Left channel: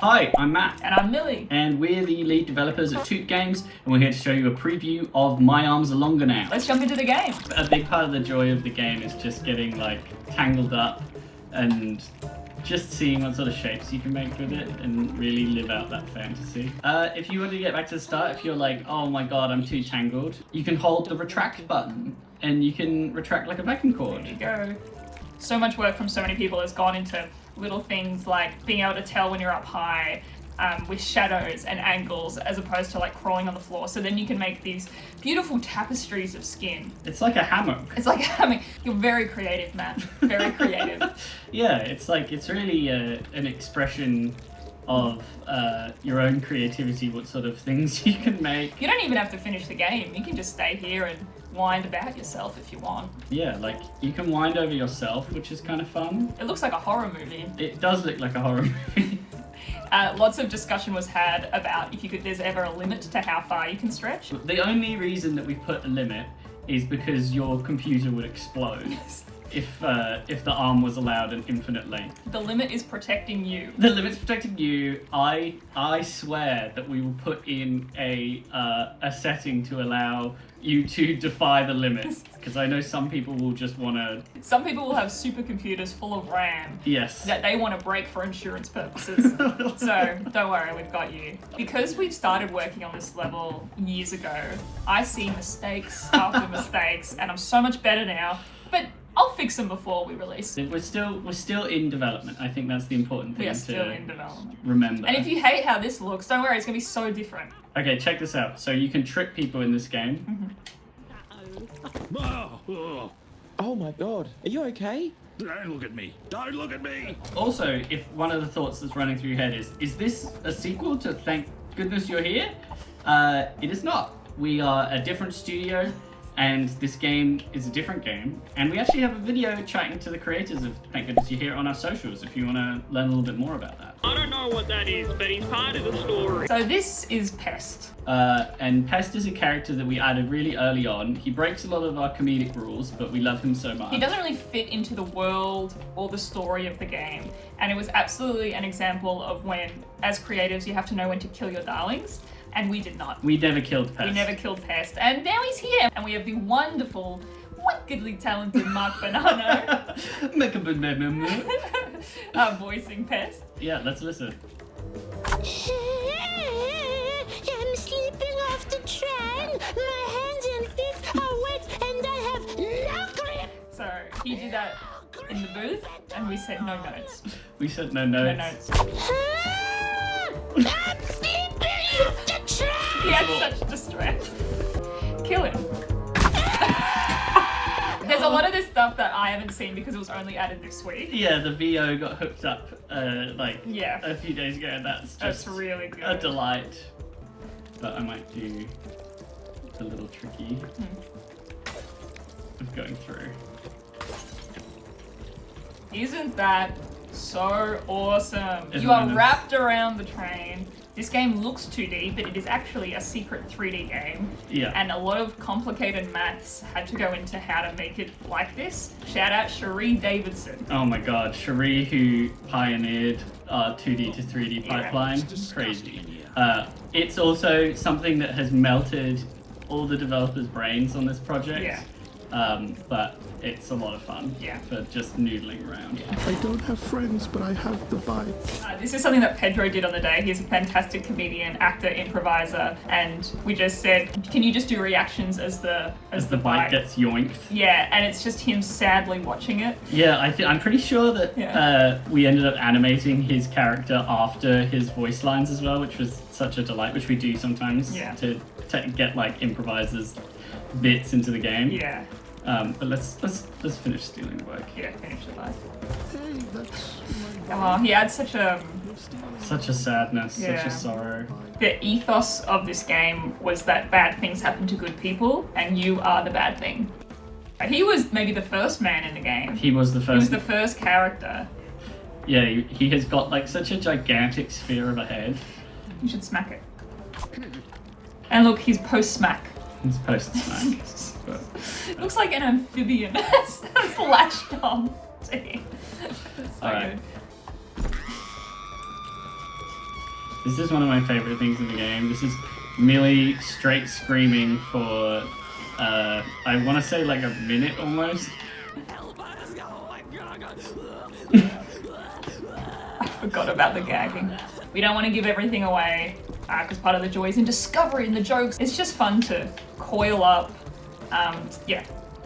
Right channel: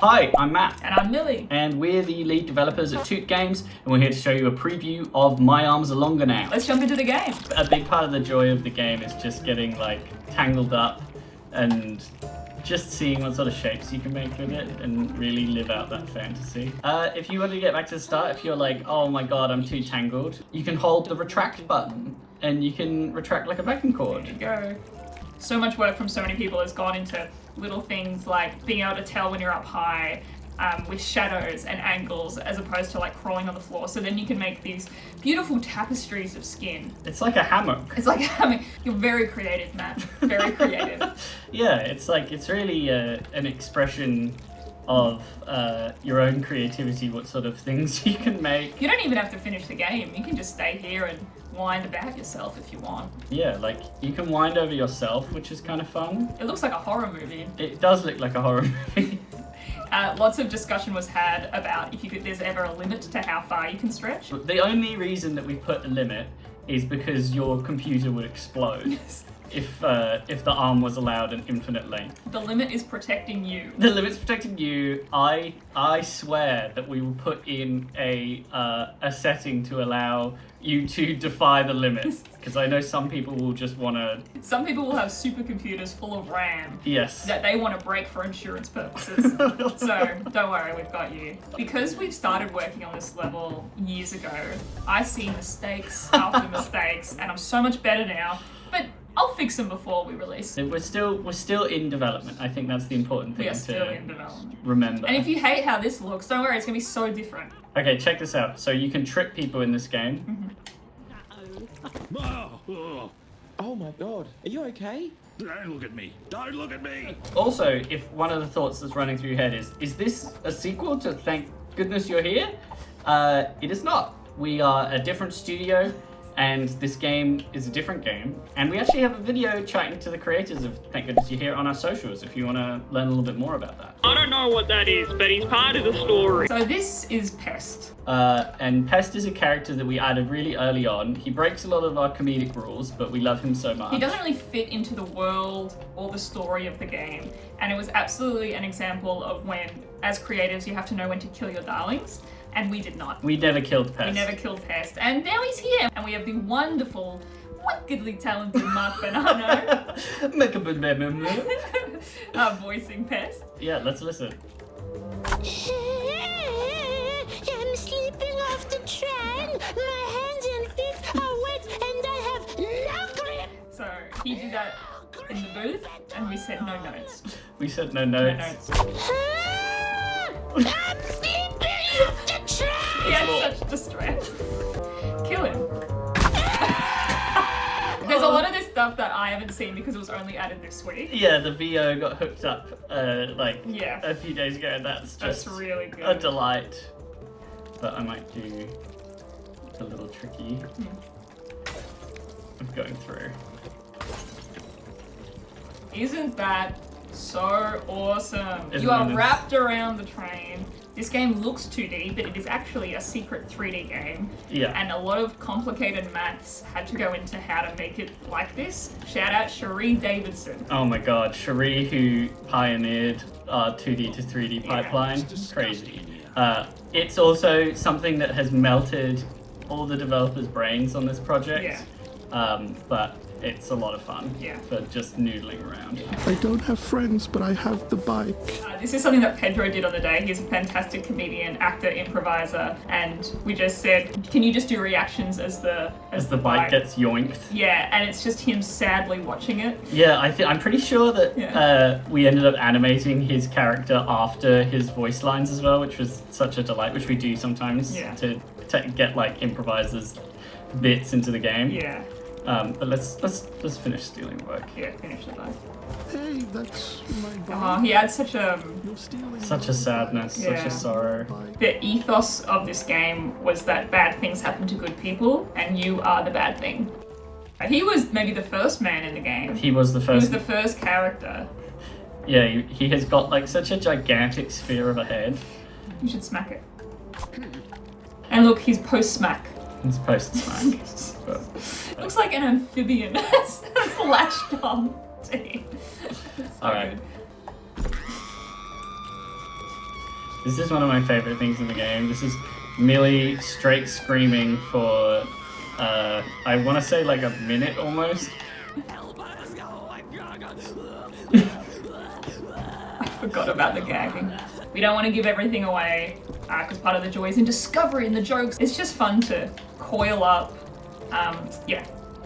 Hi, I'm Matt. And I'm Millie. And we're the lead developers at Toot Games, and we're here to show you a preview of My Arms Are Longer Now. Let's jump into the game. A big part of the joy of the game is just getting like tangled up and just seeing what sort of shapes you can make with it and really live out that fantasy. If you want to get back to the start, if you're like, oh my god, I'm too tangled, you can hold the retract button and you can retract like a vacuum cord. There you go. So much work from so many people has gone into little things like being able to tell when you're up high with shadows and angles as opposed to like crawling on the floor. So then you can make these beautiful tapestries of skin. It's like a hammock. It's like a hammock. You're very creative, Matt. Very creative. Yeah, it's really an expression of your own creativity, what sort of things you can make. You don't even have to finish the game. You can just stay here and wind about yourself if you want. Yeah, like you can wind over yourself, which is kind of fun. It looks like a horror movie. It does look like a horror movie. Lots of discussion was had about if there's ever a limit to how far you can stretch. The only reason that we put a limit is because your computer would explode if the arm was allowed an infinite length. The limit is protecting you. The limit's protecting you. I swear that we will put in a setting to allow you to defy the limits, because I know some people will just want to... Some people will have supercomputers full of RAM. Yes. That they want to break for insurance purposes. So, don't worry, we've got you. Because we've started working on this level years ago, I see mistakes after mistakes, and I'm so much better now, but I'll fix them before we release. We're still in development. I think that's the important thing We are still to in development. remember. And if you hate how this looks, don't worry, it's going to be so different. Okay, check this out. So you can trick people in this game. Oh my god, are you okay? Don't look at me. Don't look at me. Also, if one of the thoughts that's running through your head is this a sequel to Thank Goodness You're Here? It is not. We are a different studio, and this game is a different game. And we actually have a video chatting to the creators of Thank Goodness You're Here on our socials if you want to learn a little bit more about that. I don't know what that is, but he's part of the story. So this is Pest. And Pest is a character that we added really early on. He breaks a lot of our comedic rules, but we love him so much. He doesn't really fit into the world or the story of the game. And it was absolutely an example of when, as creatives, you have to know when to kill your darlings. And we did not. We never killed Pest. We never killed Pest. And now he's here. And we have the wonderful, wickedly talented Mark Bonanno voicing Pest. Yeah, let's listen. I'm sleeping off the train. My hands and feet are wet and I have no grip. So he did that in the booth and we said no notes. We said no No notes. notes. I'm sleeping off the train. He had such distress. Kill him. There's a lot of this stuff that I haven't seen because it was only added this week. Yeah, the VO got hooked up Yeah. a few days ago. That's That's really good. a delight. But I might do a little tricky of going through. Isn't that so awesome? Isn't You are it? wrapped around the train. This game looks 2D, but it is actually a secret 3D game. Yeah. And a lot of complicated maths had to go into how to make it like this. Shout out Cherie Davidson. Oh my god, Cherie, who pioneered 2D to 3D pipeline. It's Crazy. disgusting in here. It's also something that has melted all the developers' brains on this project. Yeah. But it's a lot of fun. Yeah. For just noodling around. I don't have friends, but I have the bike. This is something that Pedro did on the day. He's a fantastic comedian, actor, improviser, and we just said, can you just do reactions as the bike gets yoinked. Yeah, and it's just him sadly watching it. Yeah, I'm pretty sure that Yeah. we ended up animating his character after his voice lines as well, which was such a delight, which we do sometimes to get like improvisers bits into the game. Yeah. But let's finish stealing work. Yeah, finish the bike. Hey, that's my Oh, bike. he had such a... You're stealing Such my a sadness, such Yeah. a sorrow. bike. The ethos of this game was that bad things happen to good people, and you are the bad thing. He was maybe the first man in the game. He was the He first. was the first character. Yeah, he has got like such a gigantic sphere of a head. You should smack it. And look, he's post-smack. He's post smack. Looks like an amphibian that's latched on to him. So Alright. good. This is one of my favorite things in the game. This is Millie straight screaming for, I want to say like a minute almost. I forgot about the gagging. We don't want to give everything away because part of the joy is in discovery and the jokes. It's just fun to coil up.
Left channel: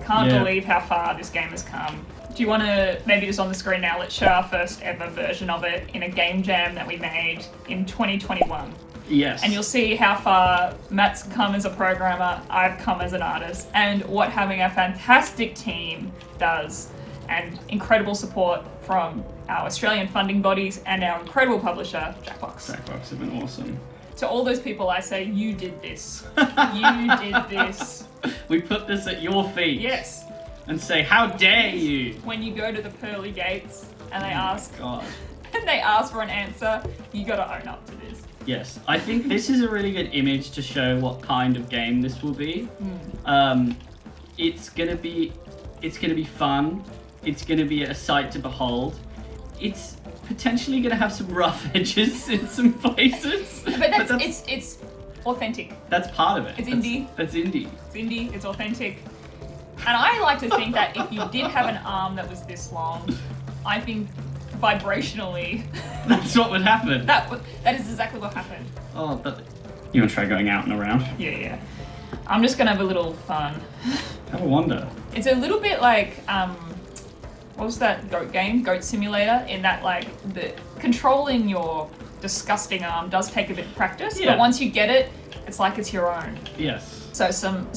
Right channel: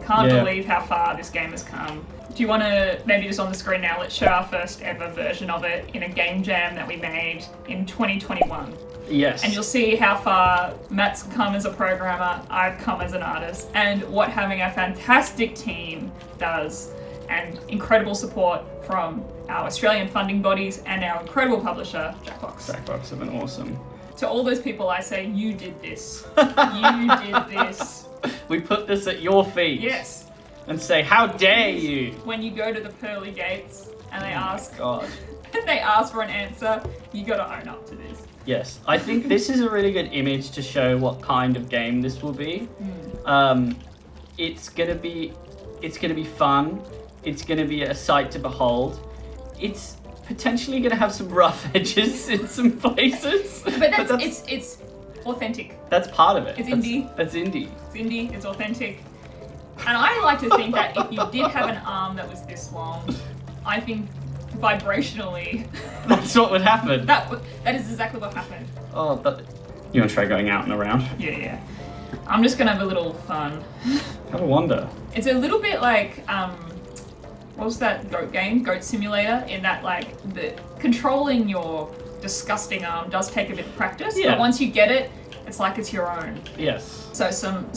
Can't believe how far this game has come. Do you want to, maybe just on the screen now, let's show our first ever version of it in a game jam that we made in 2021. Yes. And you'll see how far Matt's come as a programmer, I've come as an artist, and what having a fantastic team does, and incredible support from our Australian funding bodies and our incredible publisher, Jackbox. Jackbox have been awesome. To all those people, I say, you did this. You did this. We put this at your feet. Yes. And say, how dare you? When you go to the pearly gates and they ask, God. and they ask for an answer, you gotta own up to this. Yes, I think this is a really good image to show what kind of game this will be. It's gonna be fun. It's gonna be a sight to behold. It's potentially gonna have some rough edges in some places. But it's authentic. That's part of it. It's indie. That's indie. It's indie, it's authentic. And I like to think that if you did have an arm that was this long, I think vibrationally, That's what would happen. that is exactly what happened. Oh, but you want to try going out and around? Yeah. I'm just gonna have a little fun. Have a wander. It's a little bit like, what was that goat game? Goat Simulator, in that like, the controlling your disgusting arm does take a bit of practice, Yeah. but once you get it, it's like it's your own. Yes. So some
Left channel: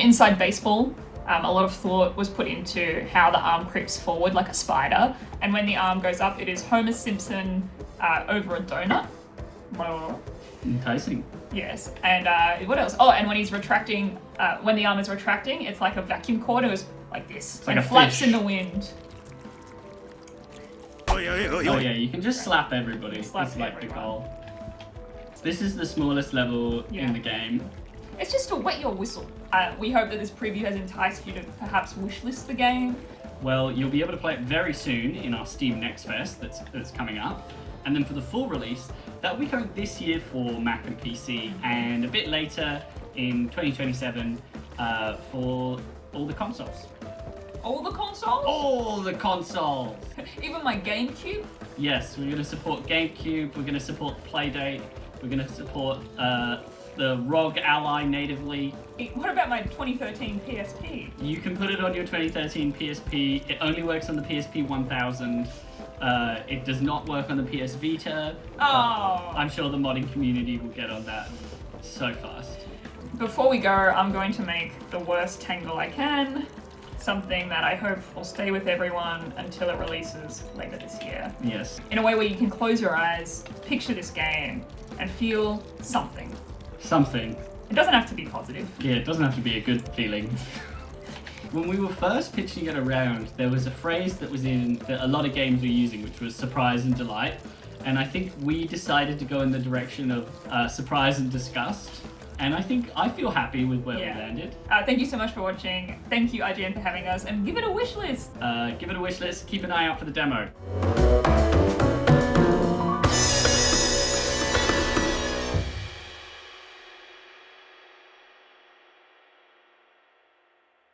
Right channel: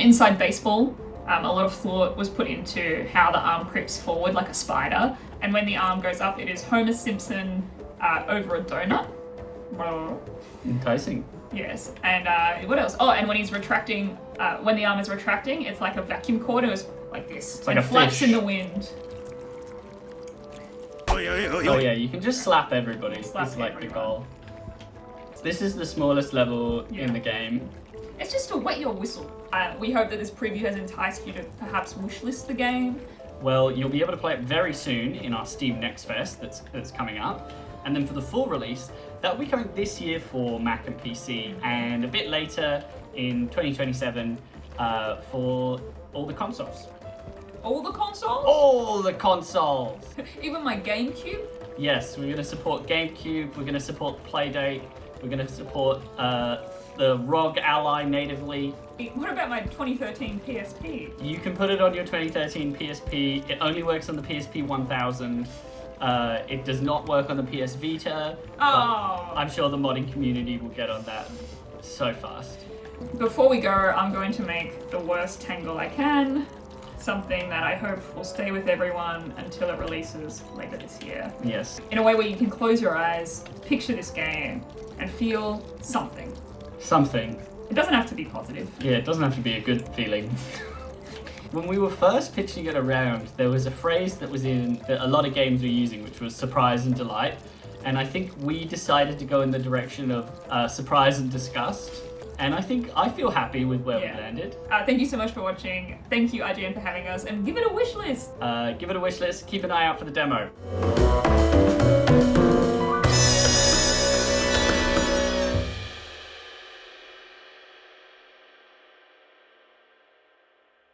inside baseball, a lot of thought was put into how the arm creeps forward like a spider, and when the arm goes up, it is Homer Simpson over a donut. Enticing. Yes, and what else? Oh, and when he's retracting, when the arm is retracting, it's like a vacuum cord. It was like this, It's like and a flaps fish. in the wind. Oh yeah, you can just slap everybody. Slap It's like the everyone. goal. This is the smallest level Yeah. in the game. It's just to wet your whistle. We hope that this preview has enticed you to perhaps wishlist the game. Well, you'll be able to play it very soon in our Steam Next Fest that's coming up. And then for the full release, that'll be coming this year for Mac and PC, and a bit later in 2027 for all the consoles. All the consoles? All the consoles! Even my GameCube? Yes, we're going to support GameCube, we're going to support Playdate, we're going to support the ROG Ally natively. What about my 2013 PSP? You can put it on your 2013 PSP. It only works on the PSP 1000. It does not work on the PS Vita. Oh. I'm sure the modding community will get on that so fast. Before we go, I'm going to make the worst tangle I can. Something that I hope will stay with everyone until it releases later this year. Yes. In a way where you can close your eyes, picture this game, and feel something. Something. It doesn't have to be positive. Yeah, it doesn't have to be a good feeling. When we were first pitching it around, there was a phrase that was in a lot of games were using, which was surprise and delight. And I think we decided to go in the direction of surprise and disgust. And I feel happy with where we landed. Thank you so much for watching. Thank you, IGN, for having us. And give it a wish list. Give it a wish list. Keep an eye out for the demo.